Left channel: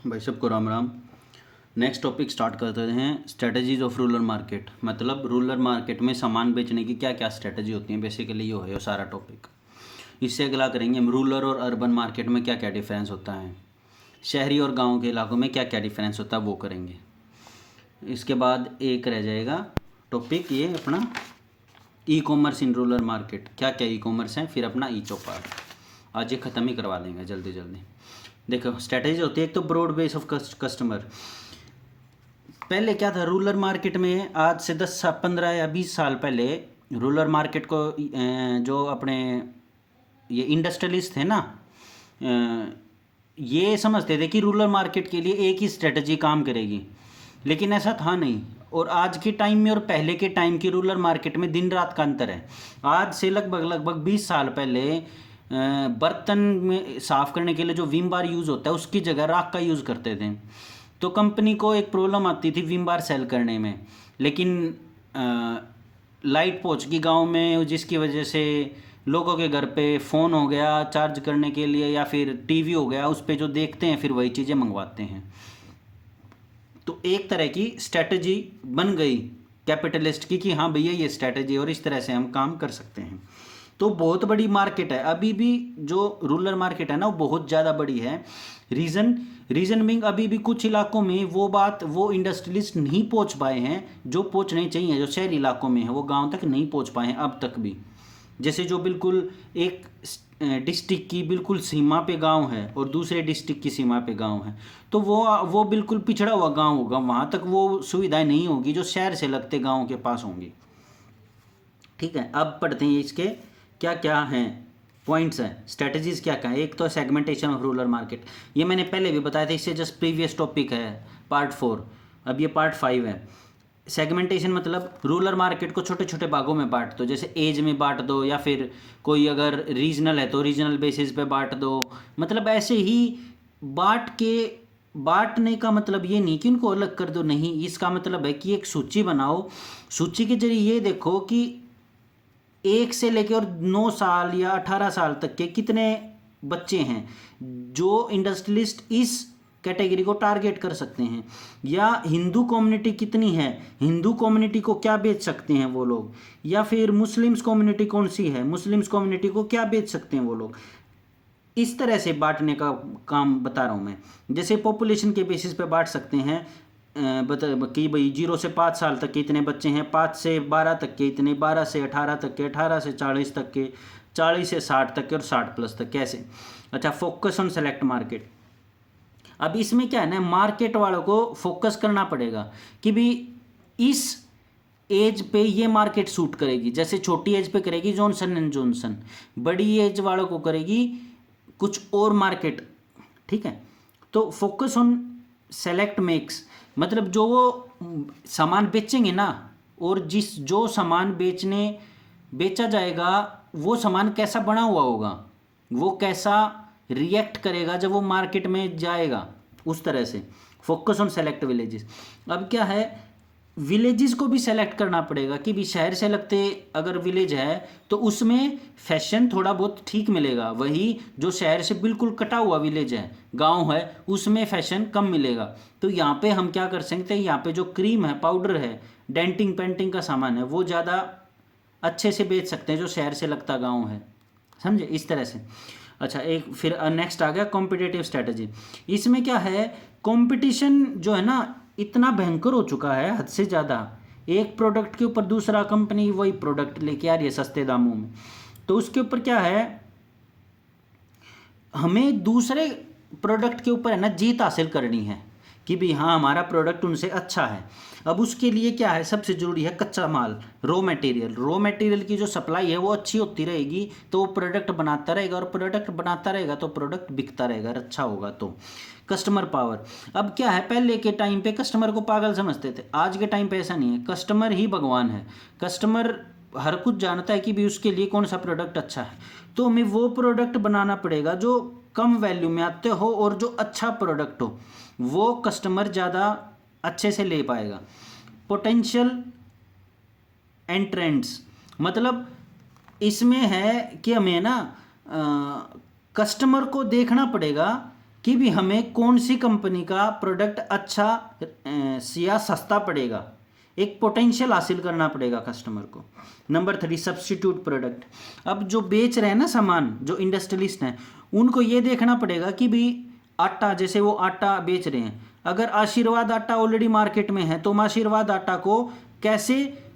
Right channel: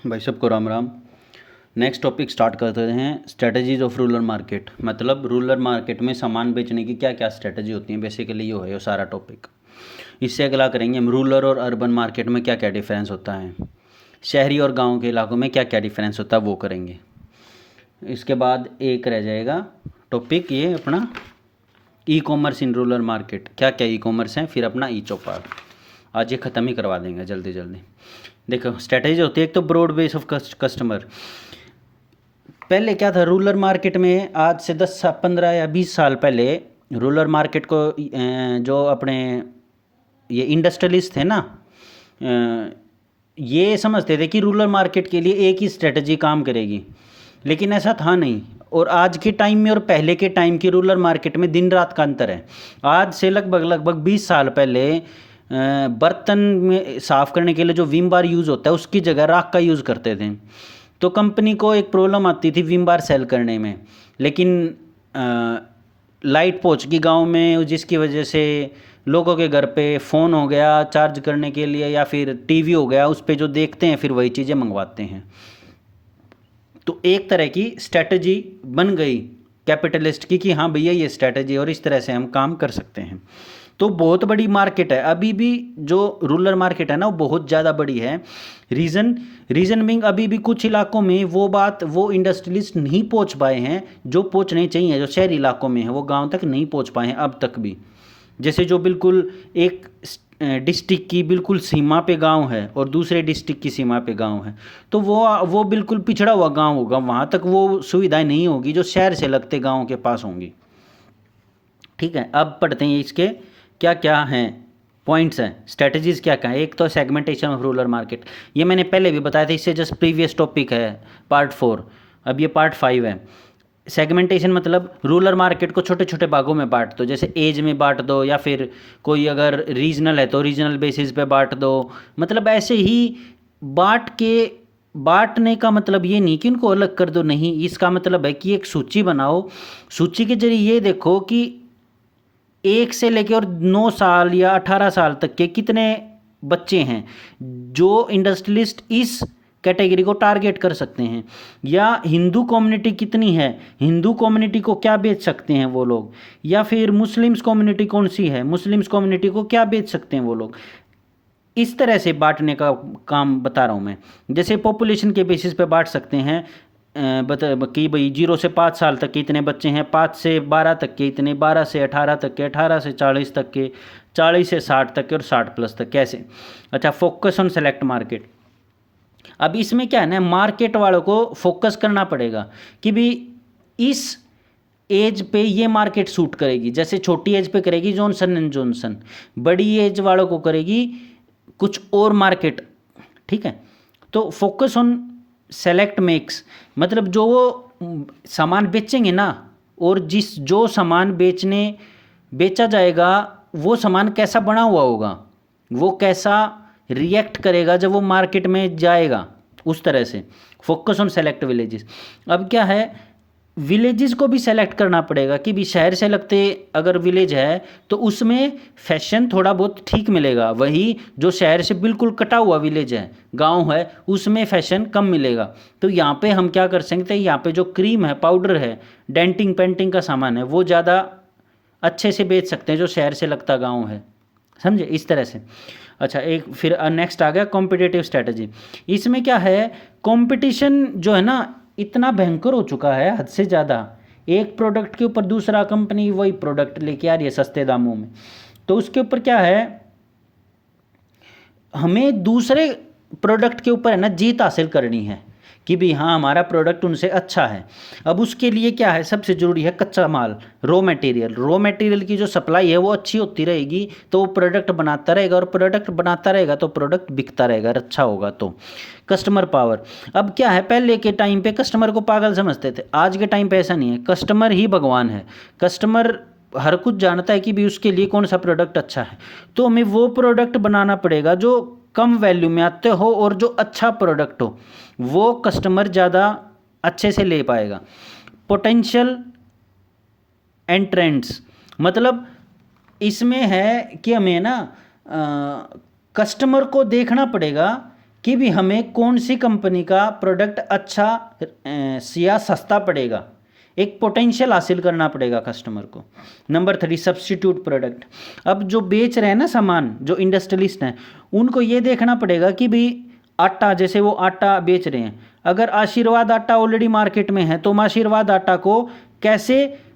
भाई सबको Ram Ram. Next topic start करते हैं। स्ट्रेटजीज ऑफ रूरल मार्केट, मतलब रूरल मार्केट में सामान बेचने की क्या क्या स्ट्रेटजी होती है। बेसिकली ये है सारा टॉपिक। इससे अगला करेंगे हम रूरल और अर्बन मार्केट में क्या क्या डिफरेंस होता है, शहरी और गांव के इलाकों में क्या क्या डिफरेंस होता है वो करेंगे। इसके बाद एक रह जाएगा टॉपिक ये अपना e commerce in rural market, क्या क्या ई कॉमर्स है, फिर अपना ई चौपाल। आज ये ख़त्म ही करवा देंगे जल्दी जल्दी। देखो स्ट्रेटजी होती है एक तो ब्रॉड बेस ऑफ कस्टमर। पहले क्या था रूरल मार्केट में, आज से 10 15 या 20 साल पहले रूरल मार्केट को जो अपने ये इंडस्ट्रियलिस्ट थे ना, ये समझते थे कि रूरल मार्केट के लिए एक ही स्ट्रेटजी काम करेगी, लेकिन ऐसा था नहीं। और आज के टाइम में और पहले के टाइम की रूरल मार्केट में दिन रात का अंतर है। आज से लगभग 20 साल पहले बर्तन में साफ़ करने के लिए जो विम बार यूज़ होता है उसकी जगह राख का यूज़ करते थे। तो कंपनी को एक प्रॉब्लम आती थी विम बार सेल करने में, लेकिन लाइट पहुंच गई गांव में, जिसकी वजह से लोगों के घर पे फ़ोन हो गया चार्ज करने के लिए, या फिर टीवी हो गया, उस पे जो देखते हैं फिर वही चीज़ें मंगवाते हैं। तो एक तरह की स्ट्रेटजी बन गई कैपिटलिस्ट की कि हाँ भैया ये स्ट्रेटजी और इस तरह से हम काम कर सकते हैं। तो बहुत बड़ी मार्केट है अभी भी, जो रूरल मार्केट है ना वो बहुत ज़्यादा बड़ी है। रीज़न बिंग अभी भी कुछ इलाकों में वो इंडस्ट्रियलिस्ट नहीं पहुंच पाए हैं जो पहुंचने चाहिए, जो शहरी इलाकों में है वो गांव तक नहीं पहुंच पाए हैं अब तक भी। जैसे जो बिल्कुल एक डिस्ट्रिक्ट की बिल्कुल सीमा पे गांव है और दूसरे डिस्ट्रिक्ट की सीमा पे गांव है, तो वो बिल्कुल पिछड़ा हुआ गांव होगा, वहाँ तक वो सुविधाएं नहीं होगी जो शहर से लगते गाँव के पास होंगी। ठीक है, अब पढ़ते हैं इसके क्या क्या हैं पॉइंट्स हैं, स्ट्रेटजीज क्या क्या है। एक तो सेगमेंटेशन ऑफ रूरल मार्केट, ये मैंने पहले भी बताया था, इससे जस्ट प्रीवियस टॉपिक है पार्ट 4, अब ये पार्ट 5 है। सेगमेंटेशन मतलब रूरल मार्केट को छोटे छोटे भागों में बांट दो, जैसे एज में बांट दो, या फिर कोई अगर रीजनल है तो रीजनल बेसिस पे बांट दो। मतलब ऐसे ही बांटने का मतलब ये नहीं कि उनको अलग कर दो, नहीं, इसका मतलब है कि एक सूची बनाओ। सूची के जरिए ये देखो कि 1 से लेकर और 9 साल या 18 साल तक के कितने बच्चे हैं जो इंडस्ट्रियलिस्ट इस कैटेगरी को टारगेट कर सकते हैं, या हिंदू कम्युनिटी कितनी है, हिंदू कम्युनिटी को क्या बेच सकते हैं वो लोग, या फिर मुस्लिम्स कम्युनिटी कौन सी है, मुस्लिम्स कम्युनिटी को क्या बेच सकते हैं वो लोग। इस तरह से बांटने का काम बता रहा हूँ मैं। जैसे पॉपुलेशन के बेसिस पे बांट सकते हैं, बता कि भाई 0 से 5 साल तक के इतने बच्चे हैं, 5 से 12 तक के इतने, 12 से 18 तक के, 18 से 40 तक के, 40 से 60 तक के और 60+ तक कैसे। अच्छा, फोकस ऑन सेलेक्ट मार्केट। अब इसमें क्या है ना, मार्केट वालों को फोकस करना पड़ेगा कि भी इस एज पे ये मार्केट सूट करेगी। जैसे छोटी एज पे करेगी जॉनसन एंड जॉनसन, बड़ी एज वालों को करेगी कुछ और मार्केट। ठीक है, तो फोकस ऑन सेलेक्ट मेक्स मतलब जो वो सामान बेचेंगे ना, और जो सामान बेचा जाएगा वो सामान कैसा बना हुआ होगा, वो कैसा रिएक्ट करेगा जब वो मार्केट में जाएगा, उस तरह से फोकस ऑन सेलेक्ट विलेजेस। अब क्या है, विलेजेस को भी सेलेक्ट करना पड़ेगा कि भी शहर से लगते अगर विलेज है तो उसमें फैशन थोड़ा बहुत ठीक मिलेगा, वही जो शहर से बिल्कुल कटा हुआ विलेज है, गांव है, उसमें फैशन कम मिलेगा। तो यहाँ पे हम क्या कर सकते हैं, यहाँ पे जो क्रीम है, पाउडर है, डेंटिंग पेंटिंग का सामान है, वो ज़्यादा अच्छे से बेच सकते हैं जो शहर से लगता गाँव है। समझे, इस तरह से। अच्छा, एक फिर नेक्स्ट आ गया कॉम्पिटिटिव स्ट्रैटेजी। इसमें क्या है, कंपटीशन जो है ना इतना भयंकर हो चुका है हद से ज़्यादा, एक प्रोडक्ट के ऊपर दूसरा कंपनी वही प्रोडक्ट लेके आ रही है सस्ते दामों में। तो उसके ऊपर क्या है, हमें दूसरे प्रोडक्ट के ऊपर है ना जीत हासिल करनी है कि भी हाँ हमारा प्रोडक्ट उनसे अच्छा है। अब उसके लिए क्या है, सबसे ज़रूरी है कच्चा माल, रॉ मटेरियल की जो सप्लाई है वो अच्छी होती रहेगी तो वो प्रोडक्ट बनाता रहेगा, और प्रोडक्ट बनाता रहेगा तो प्रोडक्ट बिकता रहेगा, अच्छा होगा। तो कस्टमर पावर, अब क्या है, पहले के टाइम पे कस्टमर को पागल समझते थे, आज के टाइम पे ऐसा नहीं है, कस्टमर ही भगवान है। कस्टमर हर कुछ जानता है कि भी उसके लिए कौन सा प्रोडक्ट अच्छा है, तो हमें वो प्रोडक्ट बनाना पड़ेगा जो कम वैल्यू में आते हो और जो अच्छा प्रोडक्ट हो, वो कस्टमर ज़्यादा अच्छे से ले पाएगा। पोटेंशियल एंड ट्रेंड्स, मतलब इसमें है कि हमें ना कस्टमर को देखना पड़ेगा कि भी हमें कौन सी कंपनी का प्रोडक्ट अच्छा या सस्ता पड़ेगा, एक पोटेंशियल हासिल करना पड़ेगा कस्टमर को। Number 3 substitute product. अब जो बेच रहे हैं ना सामान, जो इंडस्ट्रियलिस्ट हैं, उनको ये देखना पड़ेगा कि भाई आटा, जैसे वो आटा बेच रहे हैं, अगर आशीर्वाद आटा ऑलरेडी मार्केट में है तो हम आशीर्वाद आटा को कैसे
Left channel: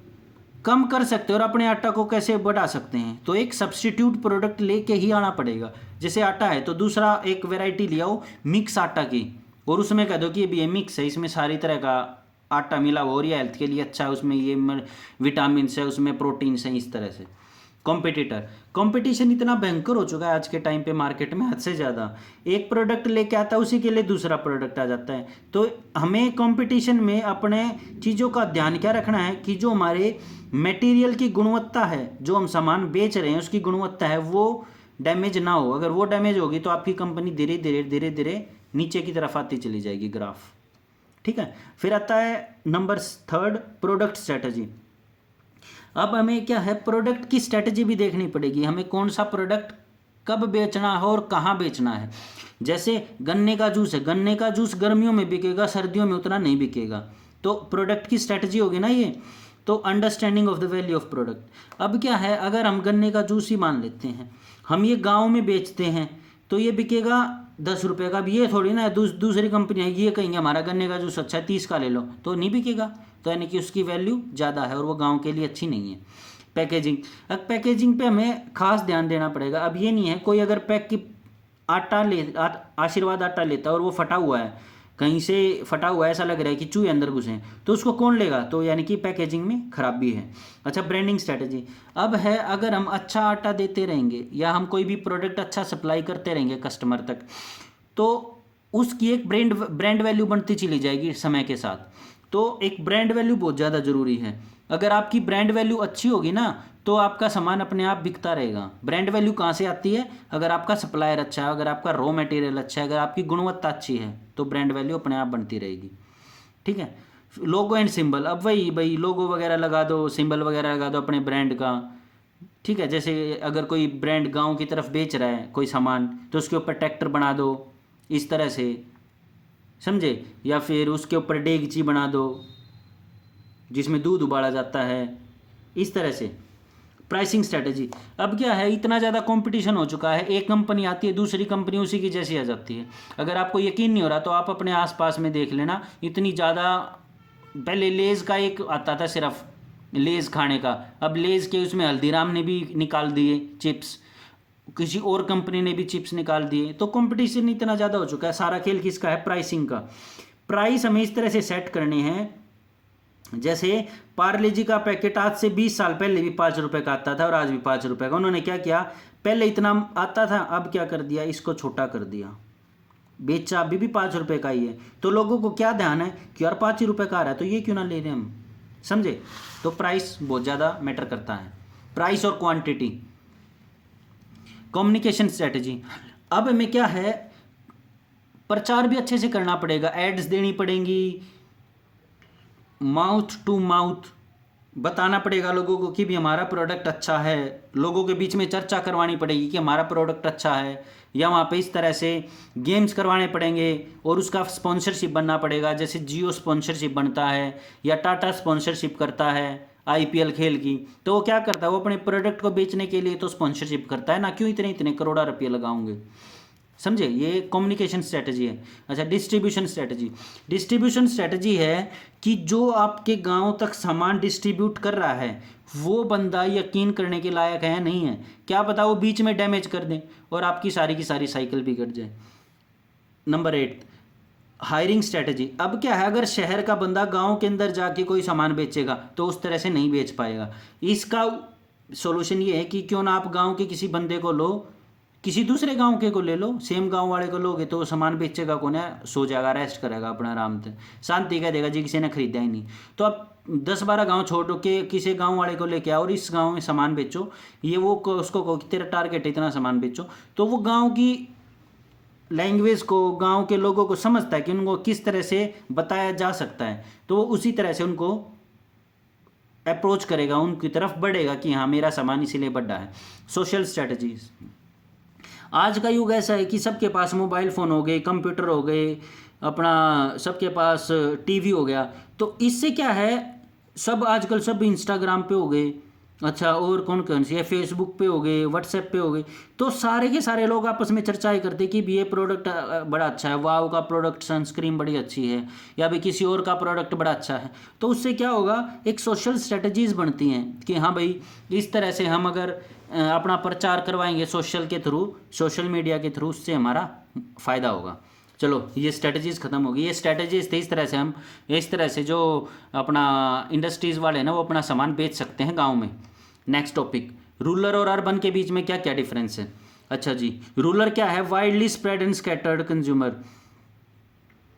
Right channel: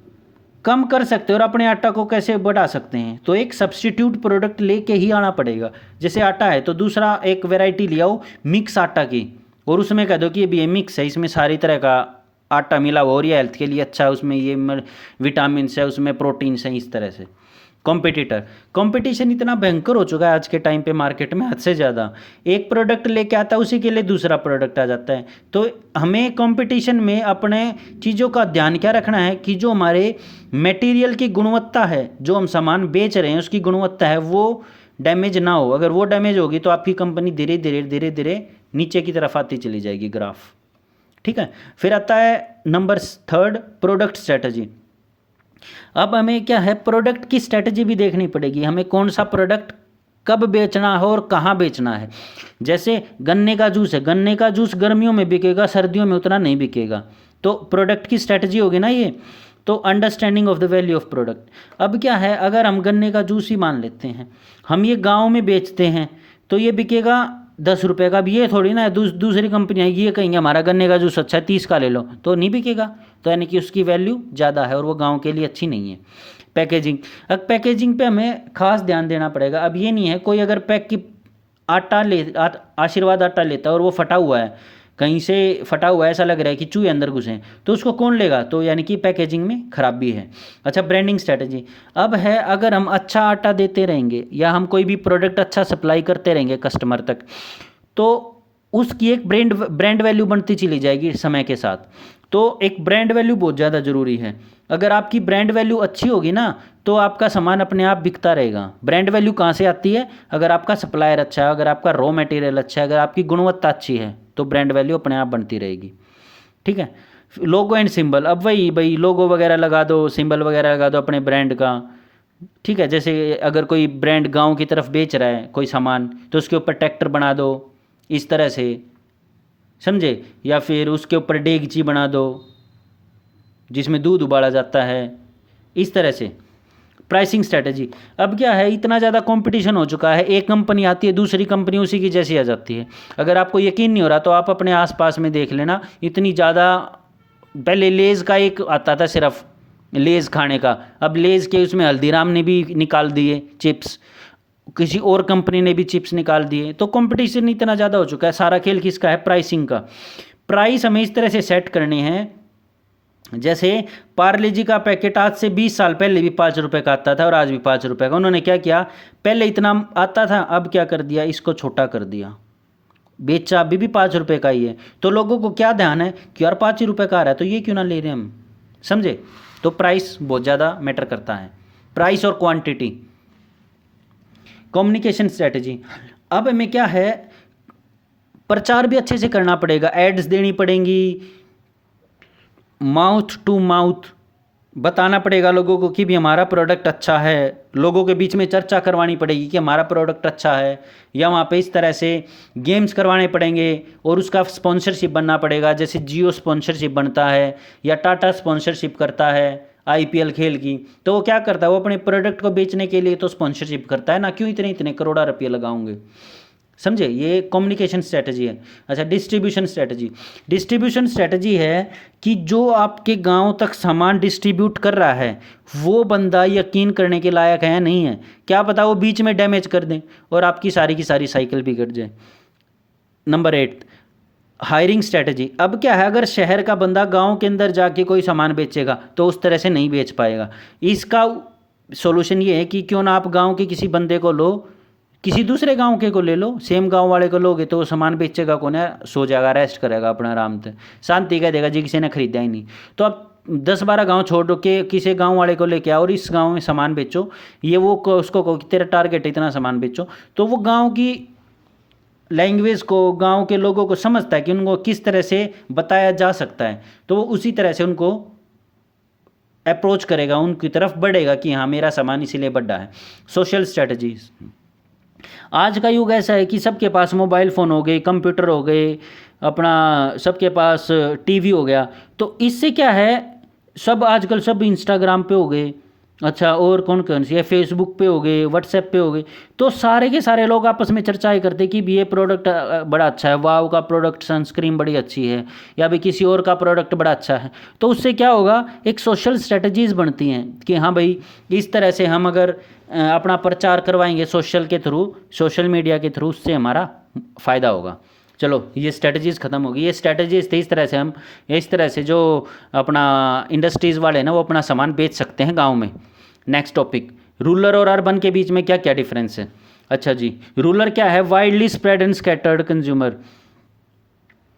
कम कर सकते हैं और अपने आटा को कैसे बढ़ा सकते हैं। तो एक सब्स्टिट्यूट प्रोडक्ट लेके ही आना पड़ेगा। जैसे आटा है तो दूसरा एक वैरायटी ले आओ मिक्स आटा की, और उसमें कह दो कि ये मिक्स है, इसमें सारी तरह का आटा मिला हुआ और ये हेल्थ के लिए अच्छा है, उसमें ये विटामिन है, उसमें प्रोटीन्स हैं, इस तरह से। कॉम्पिटिटर, कंपटीशन इतना भयंकर हो चुका है आज के टाइम पे मार्केट में, हद से ज़्यादा। एक प्रोडक्ट लेके आता है, उसी के लिए दूसरा प्रोडक्ट आ जाता है। तो हमें कंपटीशन में अपने चीज़ों का ध्यान क्या रखना है कि जो हमारे मटेरियल की गुणवत्ता है, जो हम सामान बेच रहे हैं उसकी गुणवत्ता है, वो डैमेज ना हो। अगर वो डैमेज होगी तो आपकी कंपनी धीरे धीरे धीरे धीरे नीचे की तरफ आती चली जाएगी ग्राफ। ठीक है। फिर आता है नंबर 3 प्रोडक्ट स्ट्रेटजी। अब हमें क्या है, प्रोडक्ट की स्ट्रेटजी भी देखनी पड़ेगी, हमें कौन सा प्रोडक्ट कब बेचना है और कहाँ बेचना है। जैसे गन्ने का जूस है, गन्ने का जूस गर्मियों में बिकेगा, सर्दियों में उतना नहीं बिकेगा। तो प्रोडक्ट की स्ट्रेटजी होगी ना ये। तो understanding of the value of product. अब क्या है, अगर हम गन्ने का जूस ही मान लेते हैं, हम ये गाँव में बेचते हैं तो ये बिकेगा 10 रुपये का। अब ये थोड़ी ना दूसरी कंपनी आएगी, ये कहेंगे हमारा गन्ने का जूस अच्छा है 30 का ले लो, तो नहीं बिकेगा। तो यानी कि उसकी वैल्यू ज़्यादा है और वो गांव के लिए अच्छी नहीं है। पैकेजिंग, अब पैकेजिंग पे हमें खास ध्यान देना पड़ेगा। अब ये नहीं है कोई अगर पैक की आशीर्वाद आटा लेता है और वो फटा हुआ है, कहीं से फटा हुआ है, ऐसा लग रहा है कि चूहे अंदर घुसे हैं, तो उसको कौन लेगा। तो यानी कि पैकेजिंग में खराबी है। अच्छा, ब्रांडिंग स्ट्रेटजी। अब है, अगर हम अच्छा आटा देते रहेंगे या हम कोई भी प्रोडक्ट अच्छा सप्लाई करते रहेंगे कस्टमर तक, तो उसकी एक ब्रांड वैल्यू बनती चली जाएगी समय के साथ। तो एक ब्रांड वैल्यू बहुत ज़्यादा ज़रूरी है। अगर आपकी ब्रांड वैल्यू अच्छी होगी ना तो आपका सामान अपने आप बिकता रहेगा। ब्रांड वैल्यू कहाँ से आती है, अगर आपका सप्लायर अच्छा है, अगर आपका रॉ मटेरियल अच्छा है, अगर आपकी गुणवत्ता अच्छी है, तो ब्रांड वैल्यू अपने आप बनती रहेगी। ठीक है। Logo and symbol. अब वही भाई लोगो वगैरह लगा दो, सिंबल वगैरह लगा दो अपने ब्रांड का। ठीक है। जैसे अगर कोई ब्रांड गांव की तरफ बेच रहा है कोई सामान, तो उसके ऊपर ट्रैक्टर बना दो इस तरह से, समझे, या फिर उसके ऊपर डेगची बना दो जिसमें दूध उबाला जाता है, इस तरह से। Pricing strategy. अब क्या है, इतना ज़्यादा कंपटीशन हो चुका है, एक कंपनी आती है दूसरी कंपनी उसी की जैसी आ जाती है। अगर आपको यकीन नहीं हो रहा तो आप अपने आसपास में देख लेना, इतनी ज़्यादा। पहले लेज़ का एक आता था सिर्फ लेज़ खाने का, अब लेज़ के उसमें हल्दीराम ने भी निकाल दिए चिप्स, किसी और कंपनी ने भी चिप्स निकाल दिए। तो कंपटीशन इतना ज़्यादा हो चुका है। सारा खेल किसका है, प्राइसिंग का। प्राइस हमें इस तरह से सेट करने हैं, जैसे पार्ले जी का पैकेट आज से 20 साल पहले भी 5 रुपये का आता था और आज भी 5 रुपये का। उन्होंने क्या किया, पहले इतना आता था, अब क्या कर दिया, इसको छोटा कर दिया, बेचा अभी भी 5 रुपये का ही है। तो लोगों को क्या ध्यान है कि यार 5 ही रुपये का आ रहा है तो ये क्यों ना ले रहे हम, समझे। तो प्राइस बहुत ज़्यादा मैटर करता है, प्राइस और क्वांटिटी। Communication strategy. अब हमें क्या है, प्रचार भी अच्छे से करना पड़ेगा, एड्स देनी पड़ेंगी, माउथ टू माउथ बताना पड़ेगा लोगों को कि भी हमारा प्रोडक्ट अच्छा है। लोगों के बीच में चर्चा करवानी पड़ेगी कि हमारा प्रोडक्ट अच्छा है, या वहाँ पे इस तरह से गेम्स करवाने पड़ेंगे और उसका स्पॉन्सरशिप बनना पड़ेगा। जैसे जियो स्पॉन्सरशिप बनता है या टाटा स्पॉन्सरशिप करता है आईपीएल खेल की, तो वो क्या करता है, वो अपने प्रोडक्ट को बेचने के लिए तो स्पॉन्सरशिप करता है ना, क्यों इतने इतने करोड़ा रुपये लगाऊंगे, समझे। ये कम्युनिकेशन स्ट्रेटजी है। अच्छा, डिस्ट्रीब्यूशन स्ट्रेटजी। डिस्ट्रीब्यूशन स्ट्रेटजी है कि जो आपके गांव तक सामान डिस्ट्रीब्यूट कर रहा है वो बंदा यकीन करने के लायक है या नहीं है। क्या पता वो बीच में डैमेज कर दें और आपकी सारी की सारी साइकिल बिगड़ जाए। Number 8 hiring strategy. अब क्या है, अगर शहर का बंदा गांव के अंदर जाके कोई सामान बेचेगा तो उस तरह से नहीं बेच पाएगा। इसका सॉल्यूशन ये है कि क्यों ना आप गांव के किसी बंदे को लो, किसी दूसरे गांव के को ले लो, सेम गांव वाले को लोगे तो वो सामान बेचेगा कौन है, सो जाएगा, रेस्ट करेगा अपना आराम से, शांति का देगा जी किसी ने खरीदा ही नहीं। तो आप 10-12 गांव छोड़ के किसी गांव वाले को लेके आओ और इस गांव में सामान बेचो, ये वो उसको कहो कि तेरा टारगेट है इतना सामान बेचो, तो वो गांव की लैंग्वेज को, गांव के लोगों को समझता है कि उनको किस तरह से बताया जा सकता है, तो वो उसी तरह से उनको अप्रोच करेगा, उनकी तरफ बढ़ेगा कि हाँ मेरा सामान इसीलिए बढ़ा है। Social strategies. आज का युग ऐसा है कि सबके पास मोबाइल फ़ोन हो गए, कंप्यूटर हो गए, अपना सबके पास टीवी हो गया। तो इससे क्या है, सब आजकल सब इंस्टाग्राम पे हो गए, अच्छा और कौन कौन सी है, फेसबुक पे हो गए, व्हाट्सएप पे हो गए। तो सारे के सारे लोग आपस में चर्चाएं करते कि भी ये प्रोडक्ट बड़ा अच्छा है, वाव का प्रोडक्ट सनस्क्रीन बड़ी अच्छी है, या भी किसी और का प्रोडक्ट बड़ा अच्छा है। तो उससे क्या होगा, एक सोशल स्ट्रेटजीज़ बनती हैं कि हाँ भाई, इस तरह से हम अगर अपना प्रचार करवाएंगे सोशल के थ्रू, सोशल मीडिया के थ्रू, उससे हमारा फ़ायदा होगा। चलो ये स्ट्रेटजीज़ ख़त्म होगी। ये स्ट्रेटजीज़ थे, इस तरह से हम, इस तरह से जो अपना इंडस्ट्रीज़ वाले हैं ना, वो अपना सामान बेच सकते हैं गांव में। नेक्स्ट टॉपिक, रूरल और अर्बन के बीच में क्या क्या डिफरेंस है। अच्छा जी, रूरल क्या है, widely spread and scattered consumer.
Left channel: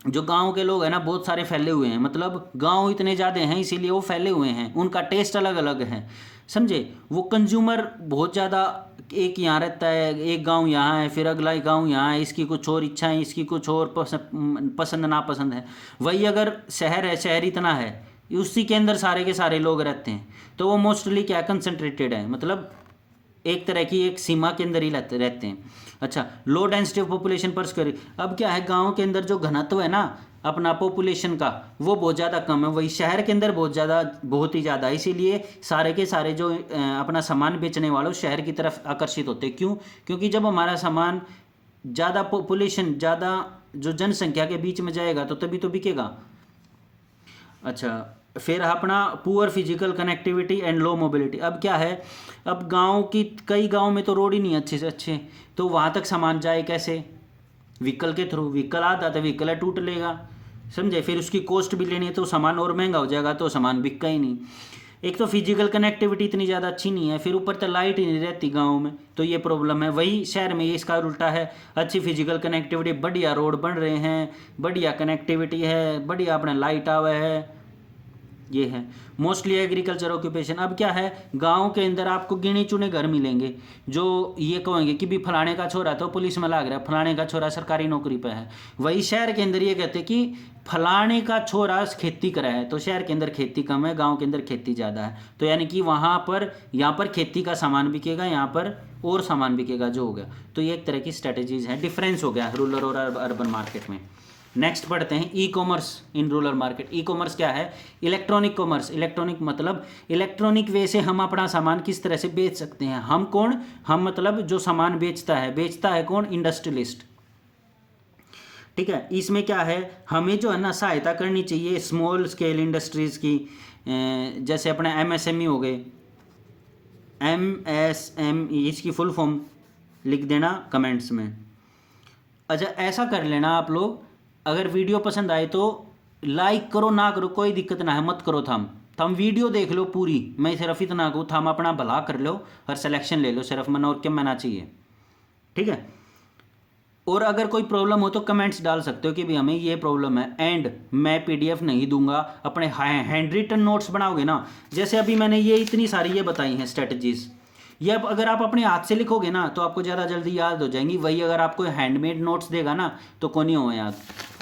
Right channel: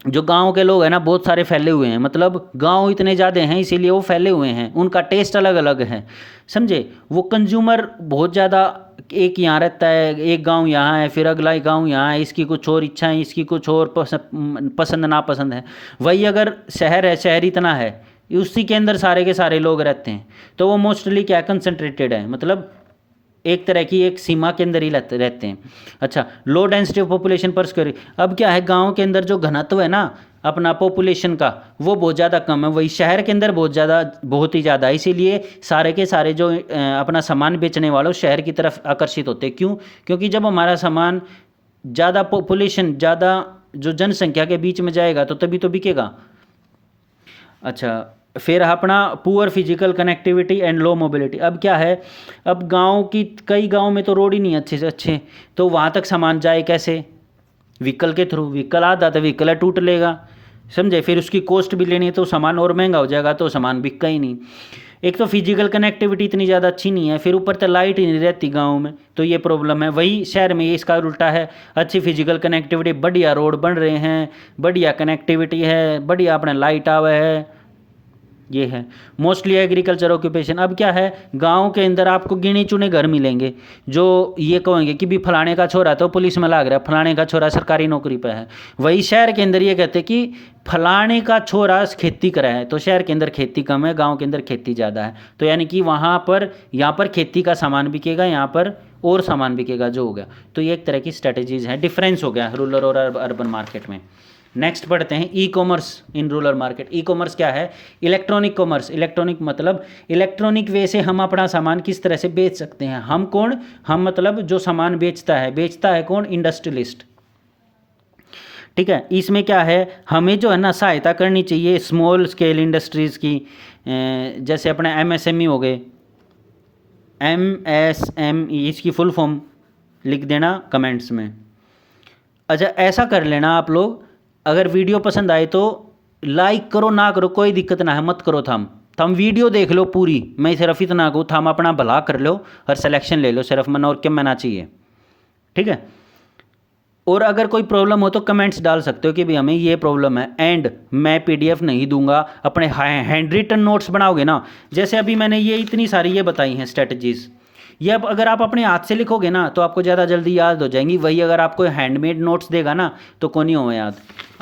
जो गांव के लोग हैं ना, बहुत सारे फैले हुए हैं, मतलब गांव इतने ज़्यादा हैं इसीलिए वो फैले हुए हैं, उनका टेस्ट अलग अलग है, समझे। वो कंज्यूमर बहुत ज़्यादा, एक यहाँ रहता है, एक गांव यहाँ है, फिर अगला गांव यहाँ है, इसकी कुछ और इच्छाएं, इसकी कुछ और पसंद नापसंद है। वही अगर शहर है, शहर इतना है, उसी के अंदर सारे के सारे लोग रहते हैं, तो वो मोस्टली क्या कंसनट्रेटेड है, मतलब एक तरह की एक सीमा के अंदर ही रहते हैं। अच्छा, लो डेंसिटी ऑफ पॉपुलेशन पर स्क्वायर। अब क्या है, गांव के अंदर जो घनत्व है ना अपना पॉपुलेशन का, वो बहुत ज़्यादा कम है, वही शहर के अंदर बहुत ज़्यादा, बहुत ही ज़्यादा। इसीलिए सारे के सारे जो अपना सामान बेचने वाले शहर की तरफ आकर्षित होते हैं। क्यों? क्योंकि जब हमारा सामान ज़्यादा पॉपुलेशन, ज़्यादा जो जनसंख्या के बीच में जाएगा तो तभी तो बिकेगा। अच्छा, फिर अपना poor physical connectivity and low mobility. अब क्या है, अब गांव की, कई गांव में तो रोड ही नहीं अच्छे से अच्छे, तो वहाँ तक सामान जाए कैसे, व्हीकल के थ्रू। व्हीकल आता तो व्हीकल टूट लेगा, समझे, फिर उसकी कॉस्ट भी लेनी है तो सामान और महंगा हो जाएगा, तो सामान बिकता ही नहीं। एक तो फिजिकल कनेक्टिविटी इतनी ज़्यादा अच्छी नहीं है, फिर ऊपर तो लाइट ही नहीं रहती गाँव में, तो ये प्रॉब्लम है। वही शहर में ये इसका उल्टा है, अच्छी फिजिकल कनेक्टिविटी, बढ़िया रोड बन रहे हैं, बढ़िया कनेक्टिविटी है, बढ़िया अपने लाइट आवे है, ये है मोस्टली एग्रीकल्चर ऑक्यूपेशन। अब क्या है, गांव के अंदर आपको गिने चुने घर मिलेंगे जो ये कहेंगे कि भी फलाने का छोरा तो पुलिस में लाग रहा है, फलाने का छोरा सरकारी नौकरी पे है। वही शहर के अंदर ये कहते हैं कि फलाने का छोरा खेती करा है, तो शहर के अंदर खेती कम है, गांव के अंदर खेती ज़्यादा है, तो यानी कि वहाँ पर, यहाँ पर खेती का सामान बिकेगा, यहाँ पर और सामान बिकेगा, जो हो गया। तो ये एक तरह की स्ट्रेटजीज़ है, डिफरेंस हो गया रूरल और अर्बन मार्केट में। नेक्स्ट पढ़ते हैं e commerce in rural market. E commerce क्या है, इलेक्ट्रॉनिक कॉमर्स। इलेक्ट्रॉनिक मतलब इलेक्ट्रॉनिक वे से हम अपना सामान किस तरह से बेच सकते हैं। हम कौन, हम मतलब जो सामान बेचता है कौन, इंडस्ट्रियलिस्ट, ठीक है। इसमें क्या है, हमें जो है ना सहायता करनी चाहिए स्मॉल स्केल इंडस्ट्रीज़ की, जैसे अपने एमएसएमई हो गए, एमएसएमई, इसकी फुल फॉर्म लिख देना कमेंट्स में। अच्छा, ऐसा कर लेना आप लोग, अगर वीडियो पसंद आए तो लाइक करो, ना करो कोई दिक्कत ना है, मत करो, थम वीडियो देख लो पूरी, मैं सिर्फ इतना कहूँ, थम अपना भला कर लो और सिलेक्शन ले लो, सिर्फ मन और क्या मना चाहिए, ठीक है। और अगर कोई प्रॉब्लम हो तो कमेंट्स डाल सकते हो कि भाई हमें ये प्रॉब्लम है, एंड मैं पीडीएफ नहीं दूंगा। अपने हैंड रिटन नोट्स बनाओगे ना, जैसे अभी मैंने ये इतनी सारी ये बताई हैं स्ट्रेटजीज़, ये अब अगर आप अपने हाथ से लिखोगे ना तो आपको ज़्यादा जल्दी याद हो जाएंगी। वही अगर आपको हैंडमेड नोट्स देगा ना तो कौन नहीं हो याद,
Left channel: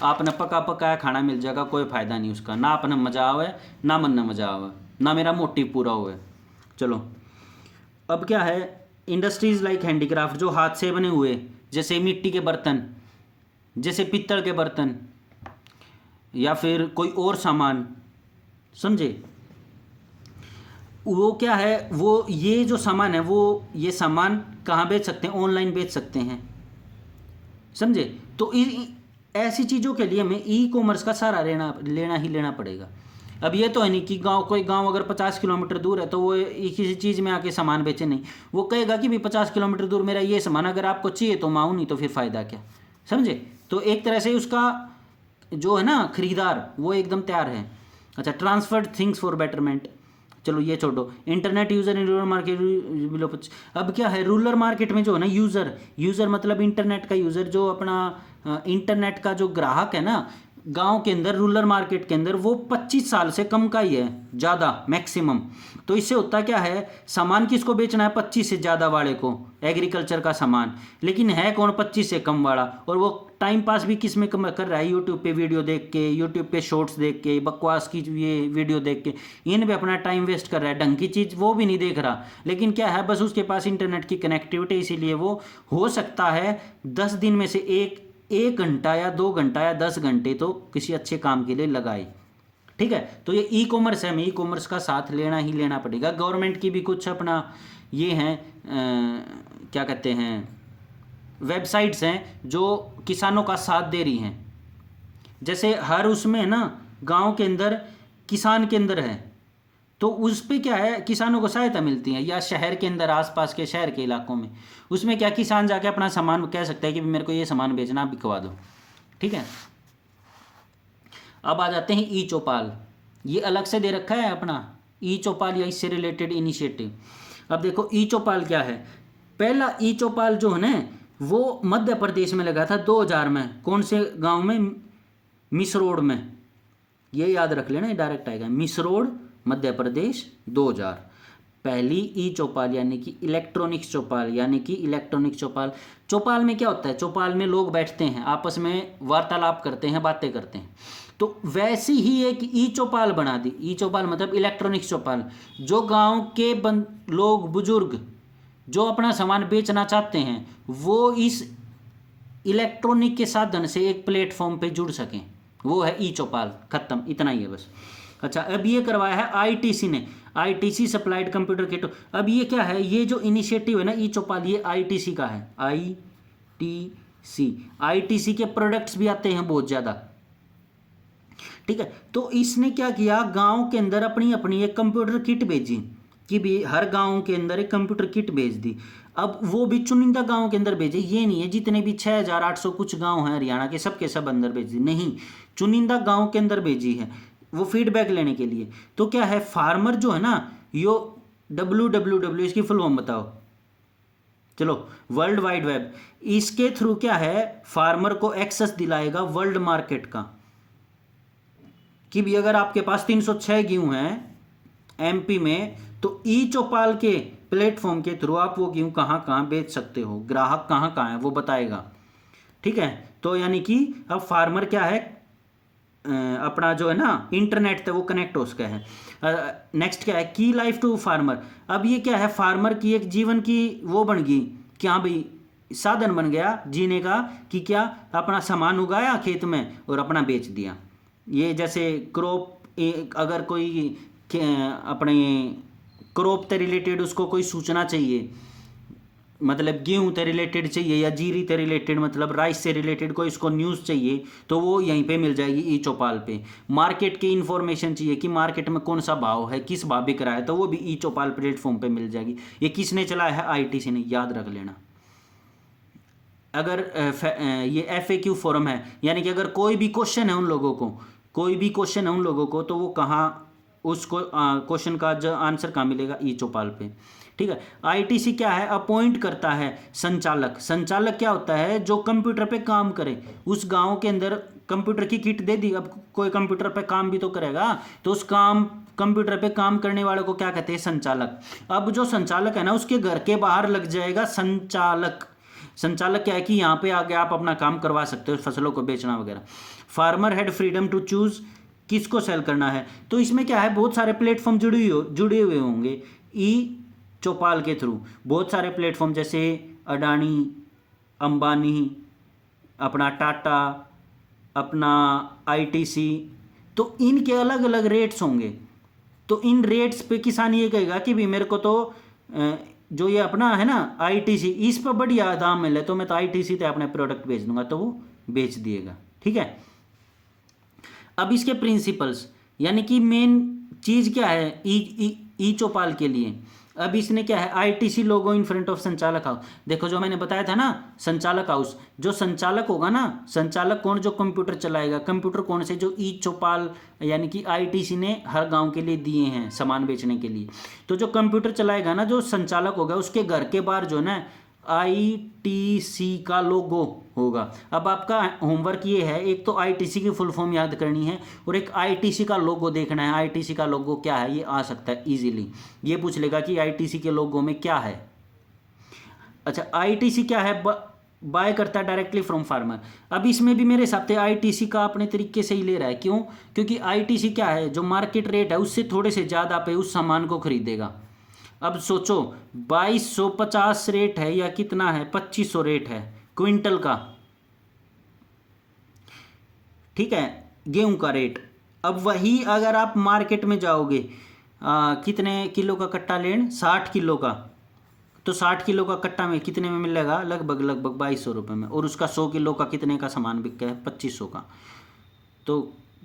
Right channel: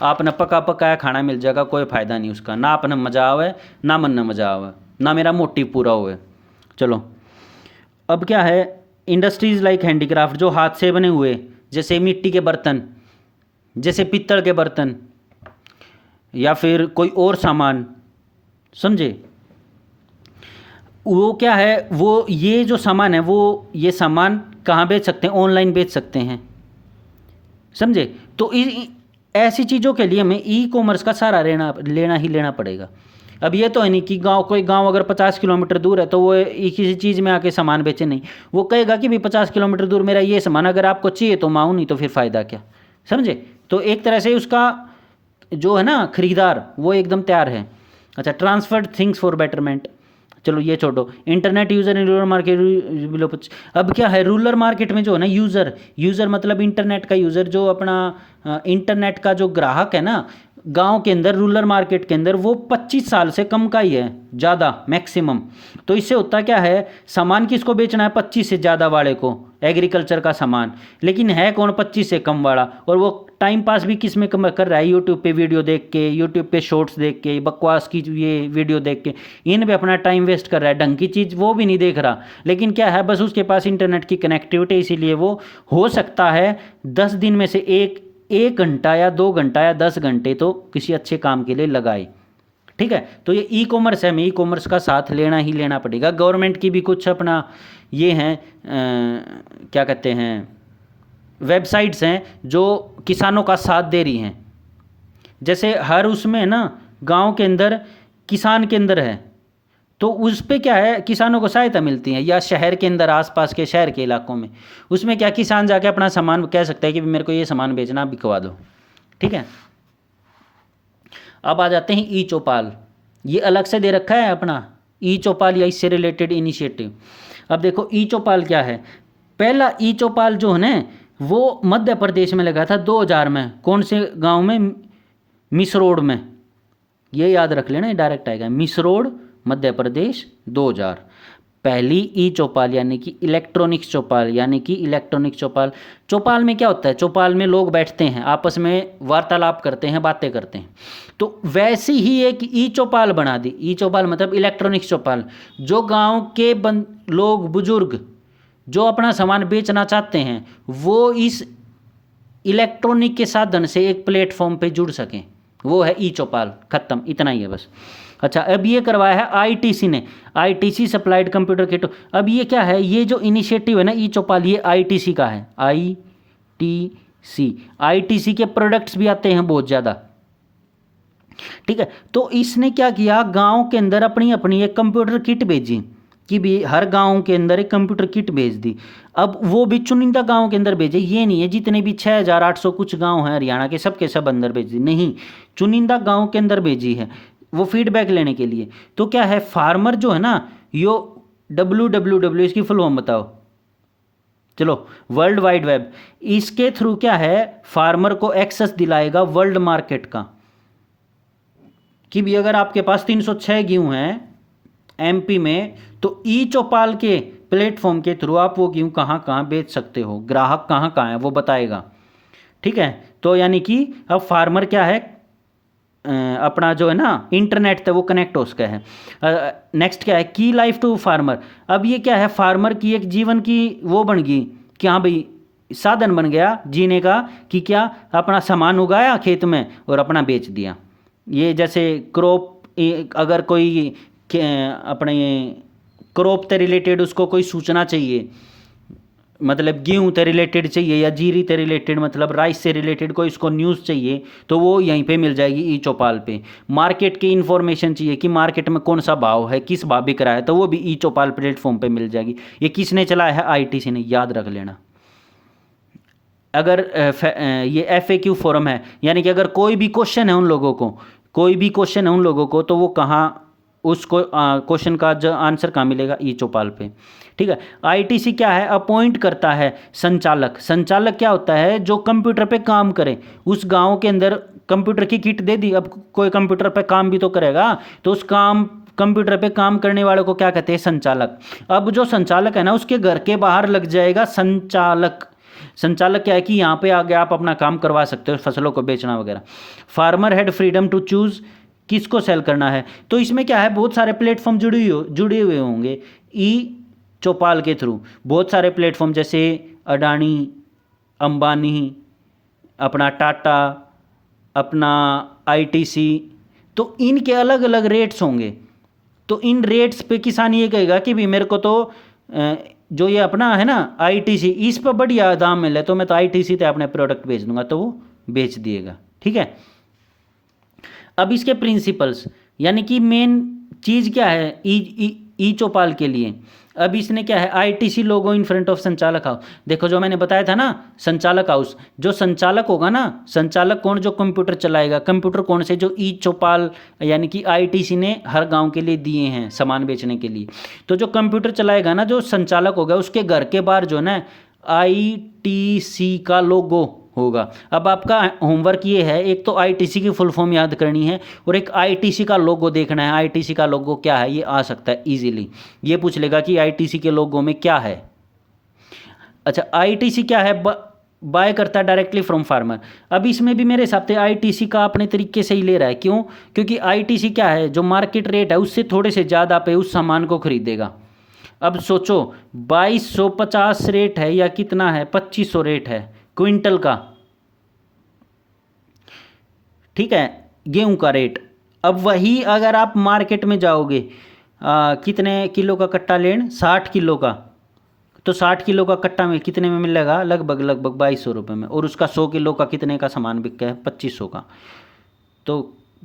आपने पका पकाया खाना मिल जाएगा, कोई फ़ायदा नहीं उसका, ना अपने मजा आवे, ना मन में मजा आवे, ना मेरा मोटिव पूरा हुए। चलो, अब क्या है, इंडस्ट्रीज़ लाइक हैंडीक्राफ्ट, जो हाथ से बने हुए, जैसे मिट्टी के बर्तन, जैसे पित्तल के बर्तन, या फिर कोई और सामान, समझे, वो क्या है, वो ये जो सामान है, वो ये सामान कहाँ बेच सकते हैं, ऑनलाइन बेच सकते हैं, समझे। तो ऐसी चीज़ों के लिए हमें ई कॉमर्स का सहारा लेना पड़ेगा। अब ये तो है नहीं कि कोई गांव अगर 50 किलोमीटर दूर है तो वो किसी चीज़ में आके सामान बेचे, नहीं, वो कहेगा कि भी 50 किलोमीटर दूर मेरा ये सामान अगर आपको चाहिए तो माऊँ, नहीं तो फिर फ़ायदा क्या, समझे। तो एक तरह से उसका जो है ना खरीदार, वो एकदम तैयार है। अच्छा, ट्रांसफर्ड थिंग्स फॉर बेटरमेंट, चलो ये छोड़ो। Internet user in rural market. अब क्या है, रूरल मार्केट में जो है ना यूज़र मतलब इंटरनेट का यूज़र, जो अपना इंटरनेट का जो ग्राहक है ना, गांव के अंदर रूरल मार्केट के अंदर वो 25 साल से कम का ही है, ज़्यादा मैक्सिमम। तो इससे होता क्या है, सामान किसको बेचना है, 25 से ज़्यादा वाले को, एग्रीकल्चर का सामान, लेकिन है कौन 25 से कम वाला, और वो टाइम पास भी किस में कम कर रहा है, यूट्यूब पे वीडियो देख के, यूट्यूब पे शॉर्ट्स देख के, बकवास की ये वीडियो देख के इन पे अपना टाइम वेस्ट कर रहा है, ढंग की चीज़ वो भी नहीं देख रहा। लेकिन क्या है, बस उसके पास इंटरनेट की कनेक्टिविटी, इसीलिए वो हो सकता है 10 दिन में से एक घंटा या 2 घंटा या 10 घंटे तो किसी अच्छे काम के लिए लगाए। ठीक है, तो ये ई कॉमर्स है, हमें ई कॉमर्स का साथ लेना ही लेना पड़ेगा। गवर्नमेंट की भी कुछ अपना ये हैं क्या कहते हैं, वेबसाइट्स हैं जो किसानों का साथ दे रही हैं। जैसे हर उसमें ना गांव के अंदर किसान के अंदर है, तो उस पे क्या है, किसानों को सहायता मिलती है, या शहर के अंदर आसपास के शहर के इलाकों में, उसमें क्या किसान जाके अपना सामान कह सकता है कि मेरे को ये सामान बेचना, आप बिकवा दो। ठीक है, अब आ जाते हैं ई चौपाल। ये अलग से दे रखा है अपना ई चौपाल या इससे रिलेटेड इनिशिएटिव। अब देखो ई चौपाल क्या है। पहला ई चौपाल जो है ना, वो मध्य प्रदेश में लगा था 2000 में। कौन से गांव में, मिसरोड में, ये याद रख लेना, ये डायरेक्ट आएगा, मिसरोड मध्य प्रदेश 2000। पहली ई चौपाल यानी कि इलेक्ट्रॉनिक्स चौपाल, यानी कि इलेक्ट्रॉनिक चौपाल। चौपाल में क्या होता है, चौपाल में लोग बैठते हैं, आपस में वार्तालाप करते हैं, बातें करते हैं। तो वैसे ही एक ई चौपाल बना दी। ई चौपाल मतलब इलेक्ट्रॉनिक्स चौपाल, जो गांव के लोग बुजुर्ग जो अपना सामान बेचना चाहते हैं, वो इस इलेक्ट्रॉनिक के साधन से एक प्लेटफॉर्म पे जुड़ सकें, वो है ई चौपाल। खत्म, इतना ही है बस। अच्छा, अब ये करवाया है आईटीसी ने, आईटीसी सप्लाइड कंप्यूटर किट। अब ये क्या है, ये जो इनिशिएटिव है ना ई चौपाल, ये आईटीसी का है। आईटीसी के प्रोडक्ट्स भी आते हैं बहुत ज़्यादा। ठीक है, तो इसने क्या किया, गांव के अंदर अपनी अपनी एक कंप्यूटर किट भेजी, कि भी हर गांव के अंदर एक कंप्यूटर किट भेज दी। अब वो भी चुनिंदा गांव के अंदर भेजे, ये नहीं है जितने भी 6800 कुछ गांव हैं हरियाणा के, सबके सब अंदर भेज दी, नहीं, चुनिंदा गांव के अंदर भेजी है, वो फीडबैक लेने के लिए। तो क्या है, फार्मर जो है ना, यो WWW, इसकी फुल फॉर्म बताओ, चलो, वर्ल्ड वाइड वेब, इसके थ्रू क्या है, फार्मर को एक्सेस दिलाएगा वर्ल्ड मार्केट का, कि भी अगर आपके पास 306 गेहूं हैं MP में, तो ई चौपाल के प्लेटफॉर्म के थ्रू आप वो गेहूं कहाँ कहाँ बेच सकते हो, ग्राहक कहाँ कहाँ है वो बताएगा। ठीक है, तो यानी कि अब फार्मर क्या है, अपना जो है ना इंटरनेट से वो कनेक्ट हो सका है। नेक्स्ट क्या है, की लाइफ टू फार्मर। अब ये क्या है, फार्मर की एक जीवन की वो बन गई कि हाँ भाई, साधन बन गया जीने का, कि क्या, अपना सामान उगाया खेत में और अपना बेच दिया। ये जैसे क्रॉप, अगर कोई अपने क्रॉप से रिलेटेड उसको कोई सूचना चाहिए, मतलब गेहूँ से रिलेटेड चाहिए, या जीरी से रिलेटेड मतलब राइस से रिलेटेड कोई इसको न्यूज़ चाहिए, तो वो यहीं पे मिल जाएगी ई चौपाल पे। मार्केट की इन्फॉर्मेशन चाहिए कि मार्केट में कौन सा भाव है, किस भाव बिक रहा है, तो वो भी ई चौपाल प्लेटफॉर्म पे मिल जाएगी। ये किसने चलाया है, आईटीसी ने, याद रख लेना। अगर ये FAQ फोरम है, यानी कि अगर कोई भी क्वेश्चन है उन लोगों को, कोई भी क्वेश्चन है उन लोगों को, तो वो कहाँ, उसको क्वेश्चन का जो आंसर कहाँ मिलेगा, ई चौपाल पे। ठीक है, आईटीसी क्या है, अपॉइंट करता है संचालक। संचालक क्या होता है, जो कंप्यूटर पे काम करे। उस गांव के अंदर कंप्यूटर की किट दे दी, अब कोई कंप्यूटर पे काम भी तो करेगा, तो उस कंप्यूटर पे काम करने वाले को क्या कहते हैं, संचालक। अब जो संचालक है ना, उसके घर के बाहर लग जाएगा संचालक। संचालक क्या है कि यहाँ पे आगे आप अपना काम करवा सकते हो, फसलों को बेचना वगैरह। Farmer had freedom to choose किसको सेल करना है। तो इसमें क्या है, बहुत सारे प्लेटफॉर्म जुड़े हुए होंगे ई चौपाल के थ्रू। बहुत सारे प्लेटफॉर्म जैसे अडानी, अंबानी, अपना टाटा, अपना आईटीसी, तो इनके अलग अलग रेट्स होंगे। तो इन रेट्स पे किसान ये कहेगा कि भी मेरे को तो जो ये अपना है ना आईटीसी, इस पर बढ़िया दाम मिले, तो मैं तो आईटीसी पे अपने प्रोडक्ट बेच दूंगा, तो वो बेच दिएगा। ठीक है, अब इसके प्रिंसिपल्स, यानी कि मेन चीज़ क्या है ई चौपाल के लिए। अब इसने क्या है, ITC logo in front of संचालक हाउस। देखो जो मैंने बताया था ना, संचालक हाउस, जो संचालक होगा ना, संचालक कौन, जो कंप्यूटर चलाएगा। कंप्यूटर कौन से, जो ई चौपाल यानी कि आईटीसी ने हर गांव के लिए दिए हैं सामान बेचने के लिए। तो जो कंप्यूटर चलाएगा ना, जो संचालक होगा, उसके घर के बाहर जो है ना आईटीसी का लोगो होगा। अब आपका होमवर्क ये है, एक तो आईटीसी की फुल फॉर्म याद करनी है और एक आईटीसी का लोगो देखना है। आईटीसी का लोगो क्या है, ये आ सकता है इजीली। ये पूछ लेगा कि आईटीसी के लोगो में क्या है। अच्छा, आईटीसी क्या है, बाय करता है डायरेक्टली फ्रॉम फार्मर। अब इसमें भी मेरे हिसाब से आईटीसी का अपने तरीके से ही ले रहा है। क्यों? क्योंकि आईटीसी क्या है, जो मार्केट रेट है उससे थोड़े से ज़्यादा पे उस सामान को खरीदेगा। अब सोचो 2250 रेट है या कितना है, 2500 रेट है क्विंटल का, ठीक है, गेहूं का रेट। अब वही अगर आप मार्केट में जाओगे, कितने किलो का कट्टा लेन, 60 किलो का, तो 60 किलो का कट्टा में कितने में मिलेगा, लगभग 2200 रुपये में। और उसका 100 किलो का कितने का सामान बिक है, 2500 का। तो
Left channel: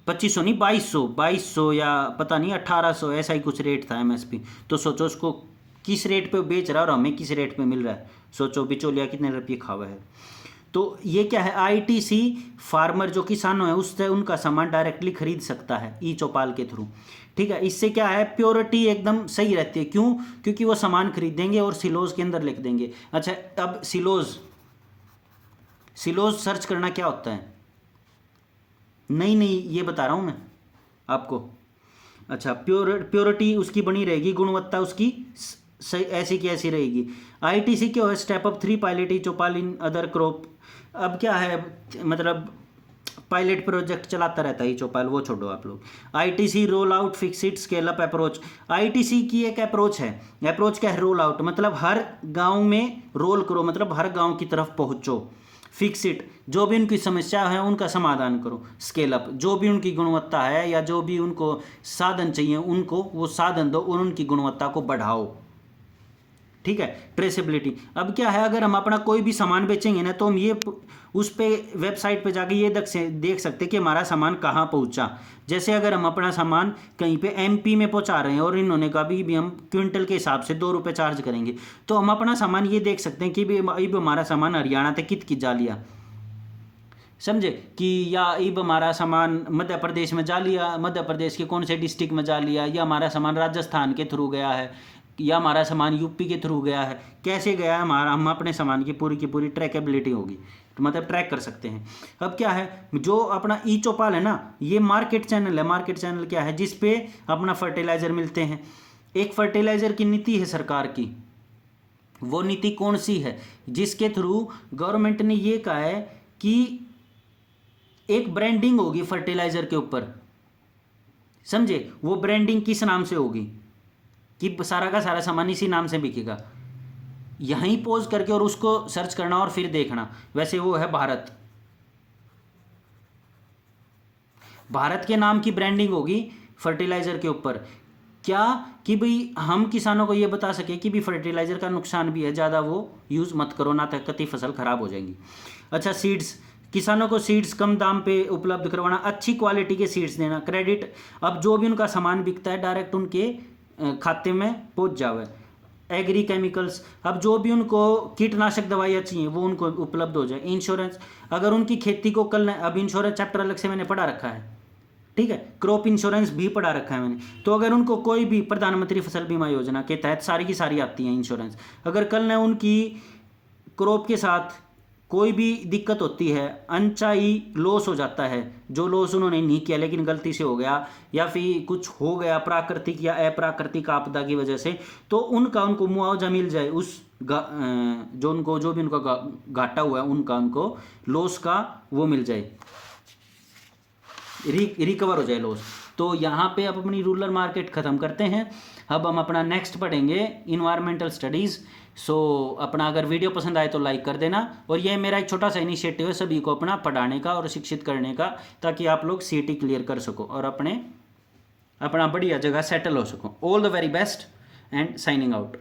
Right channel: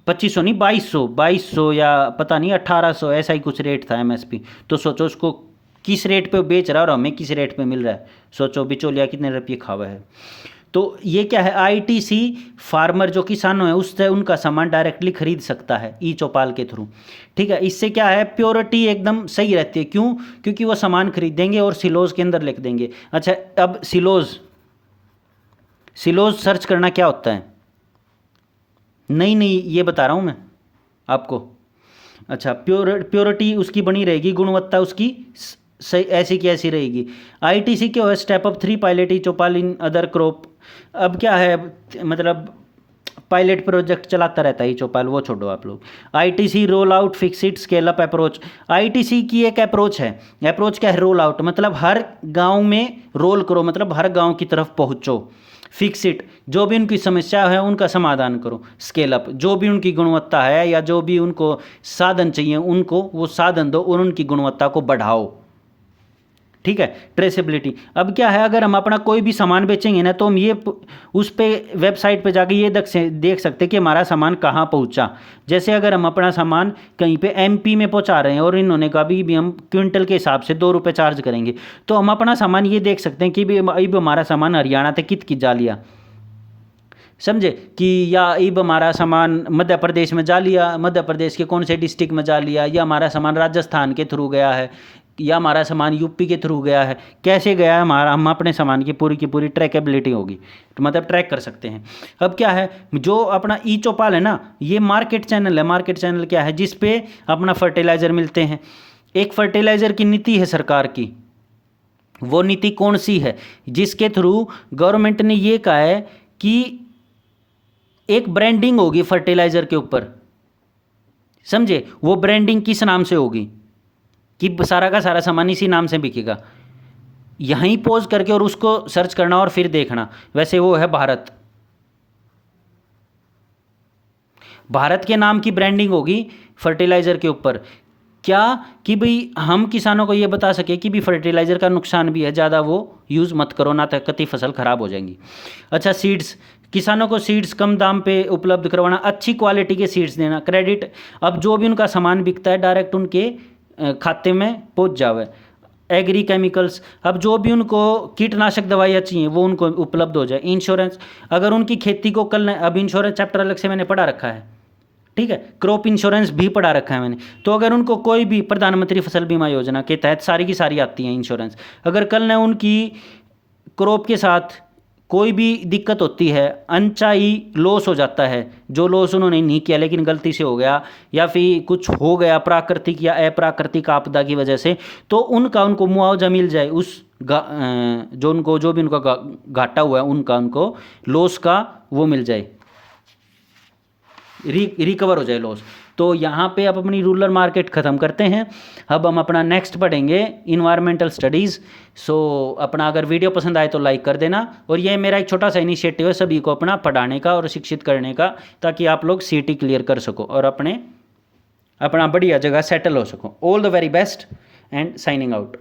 2500 नहीं, 2200 या पता नहीं 1800, ऐसा ही कुछ रेट था एमएसपी। तो सोचो उसको किस रेट पे बेच रहा है और हमें किस रेट पे मिल रहा है। सोचो बिचौलिया कितने रुपये खावा है। तो ये क्या है, आईटीसी फार्मर जो किसान है उससे उनका सामान डायरेक्टली खरीद सकता है ई चौपाल के थ्रू, ठीक है। इससे क्या है, प्योरिटी एकदम सही रहती है। क्यों? क्योंकि वो सामान खरीदेंगे और सिलोज के अंदर लिख देंगे। अच्छा, अब सिलोज सर्च करना क्या होता है, नहीं ये बता रहा हूँ मैं आपको। अच्छा, प्योरिटी उसकी बनी रहेगी, गुणवत्ता उसकी सही ऐसी की ऐसी रहेगी। आईटीसी क्या है, step up 3 pilot E Chaupal in other crop. अब क्या है, मतलब पायलट प्रोजेक्ट चलाता रहता है ई चौपाल, वो छोड़ो आप लोग। ITC roll out fixed scale up approach. ITC की एक अप्रोच है। अप्रोच क्या है, रोल आउट मतलब हर गांव में रोल करो, मतलब हर गांव की तरफ पहुंचो। फिक्सिट जो भी उनकी समस्या है उनका समाधान करो। स्केल अप जो भी उनकी गुणवत्ता है या जो भी उनको साधन चाहिए उनको वो साधन दो और उनकी गुणवत्ता को बढ़ाओ, ठीक है। ट्रेसेबिलिटी, अब क्या है, अगर हम अपना कोई भी सामान बेचेंगे ना तो हम ये उस पे वेबसाइट पे जाके ये देख सकते हैं कि हमारा सामान कहाँ पहुँचा। जैसे अगर हम अपना सामान कहीं पे एमपी में पहुँचा रहे हैं और इन्होंने कहा भी हम क्विंटल के हिसाब से 2 रुपये चार्ज करेंगे, तो हम अपना सामान ये देख सकते हैं कि भी अब हमारा सामान हरियाणा तक कित की जा लिया, समझे कि, या इब हमारा सामान मध्य प्रदेश में जा लिया, मध्य प्रदेश के कौन से डिस्ट्रिक्ट में जा लिया, या हमारा सामान राजस्थान के थ्रू गया है, या हमारा सामान यूपी के थ्रू गया है, कैसे गया है हमारा, हम अपने सामान की पूरी ट्रैकेबिलिटी होगी, तो मतलब ट्रैक कर सकते हैं। अब क्या है, जो अपना ई चौपाल है ना, ये मार्केट चैनल है। मार्केट चैनल क्या है, जिस पे अपना फर्टिलाइज़र मिलते हैं। एक फर्टिलाइज़र की नीति है सरकार की, वो नीति कौन सी है, जिसके थ्रू गवर्नमेंट ने ये कहा है कि एक ब्रांडिंग होगी फर्टिलाइज़र के ऊपर, समझे। वो ब्रांडिंग किस नाम से होगी कि सारा का सारा सामान इसी नाम से बिकेगा। यहीं पॉज करके और उसको सर्च करना और फिर देखना। वैसे वो है भारत, भारत के नाम की ब्रांडिंग होगी फर्टिलाइज़र के ऊपर। क्या कि भाई हम किसानों को ये बता सके कि भी फर्टिलाइज़र का नुकसान भी है, ज़्यादा वो यूज़ मत करो ना तो कतई फसल ख़राब हो जाएंगी। अच्छा, सीड्स, किसानों को सीड्स कम दाम पे उपलब्ध करवाना, अच्छी क्वालिटी के सीड्स देना। क्रेडिट, अब जो भी उनका सामान बिकता है डायरेक्ट उनके खाते में पहुंच जावे। एग्री केमिकल्स, अब जो भी उनको कीटनाशक दवाइयाँ चाहिए वो उनको उपलब्ध हो जाए। इंश्योरेंस, अगर उनकी खेती को कल, अब इंश्योरेंस चैप्टर अलग से मैंने पढ़ा रखा है, ठीक है। क्रॉप इंश्योरेंस भी पढ़ा रखा है मैंने। तो अगर उनको कोई भी प्रधानमंत्री फसल बीमा योजना के तहत सारी की सारी आती है इंश्योरेंस, अगर कल ने उनकी क्रॉप के साथ कोई भी दिक्कत होती है, अनचाही लॉस हो जाता है, जो लॉस उन्होंने नहीं किया लेकिन गलती से हो गया, या फिर कुछ हो गया प्राकृतिक या अप्राकृतिक आपदा की वजह से, तो उनको मुआवजा मिल जाए उस जो भी उनका घाटा हुआ है उनको लॉस का वो मिल जाए, रिकवर हो जाए लॉस। तो यहाँ पे अब अपनी रूरल मार्केट ख़त्म करते हैं। अब हम अपना नेक्स्ट पढ़ेंगे इन्वायरमेंटल स्टडीज़। सो अपना अगर वीडियो पसंद आए तो लाइक कर देना। और ये मेरा एक छोटा सा इनिशिएटिव है सभी को अपना पढ़ाने का और शिक्षित करने का, ताकि आप लोग सीटी क्लियर कर सको और अपना बढ़िया जगह सेटल हो सको। All the very best and signing out.